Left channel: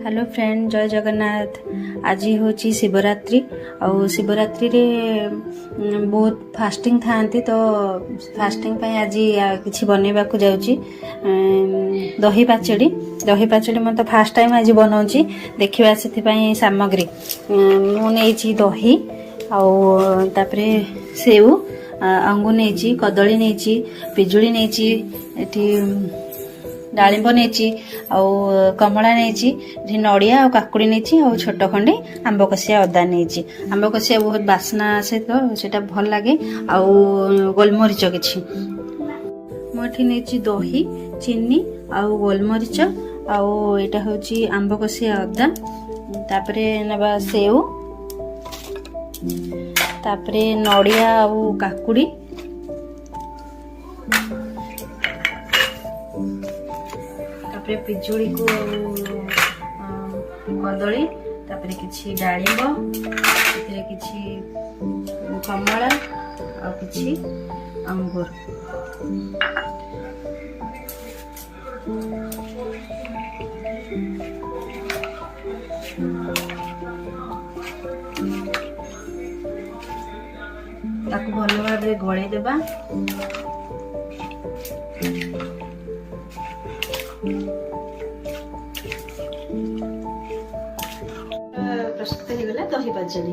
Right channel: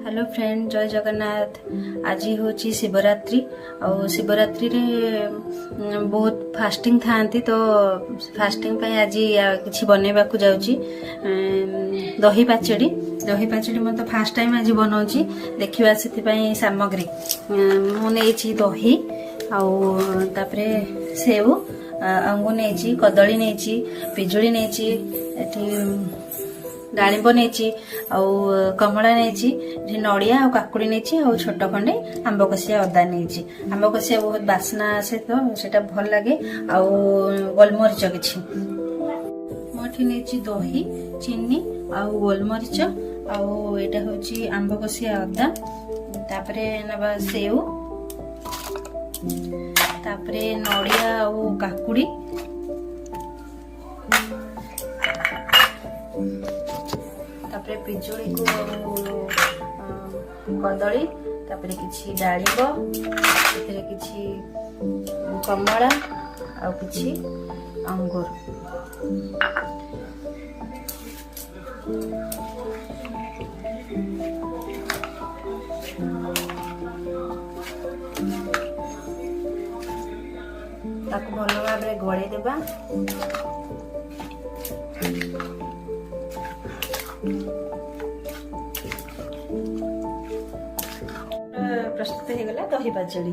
Hello friend, जय जगन्नाथ। आज हूँ शिवरात्रि। और शिवरात्रि रे बहुत फास्टिंग थांती, तो फास्टिंग पे आज किसी बनवा को जाऊँगी। दही पाचेड़ी मैं फास्ट टाइम आज बनाऊँगी। देखा से सामग्री मुझे दही आउे सेव अंगूर नहीं, कदली नहीं, पिजुली नहीं, डालिंब नहीं, कमला नहीं, नड़िया और काकुड़ी नहीं, और छोट खंडे आंब कषिया अदा नहीं। आंब कषिया बहुत बास्ना आसे, तो सेटा भल लगे। गोलमरीच किछि मोठी नहीं, दही, चीनी आउ गोलमरीच आउ एटा होची आंब कषिया अदा। तापरे नबा सेव, तापरे नड़िया आउ काकुड़ी, तापरे पिजुली को कदली, तापरे किछि डालिंब, एथिरे किछि कमला आ किछि अंगूर। ताको भल भाव गले देबा। प्रस्तुत हो गला दही पाचेड़ी।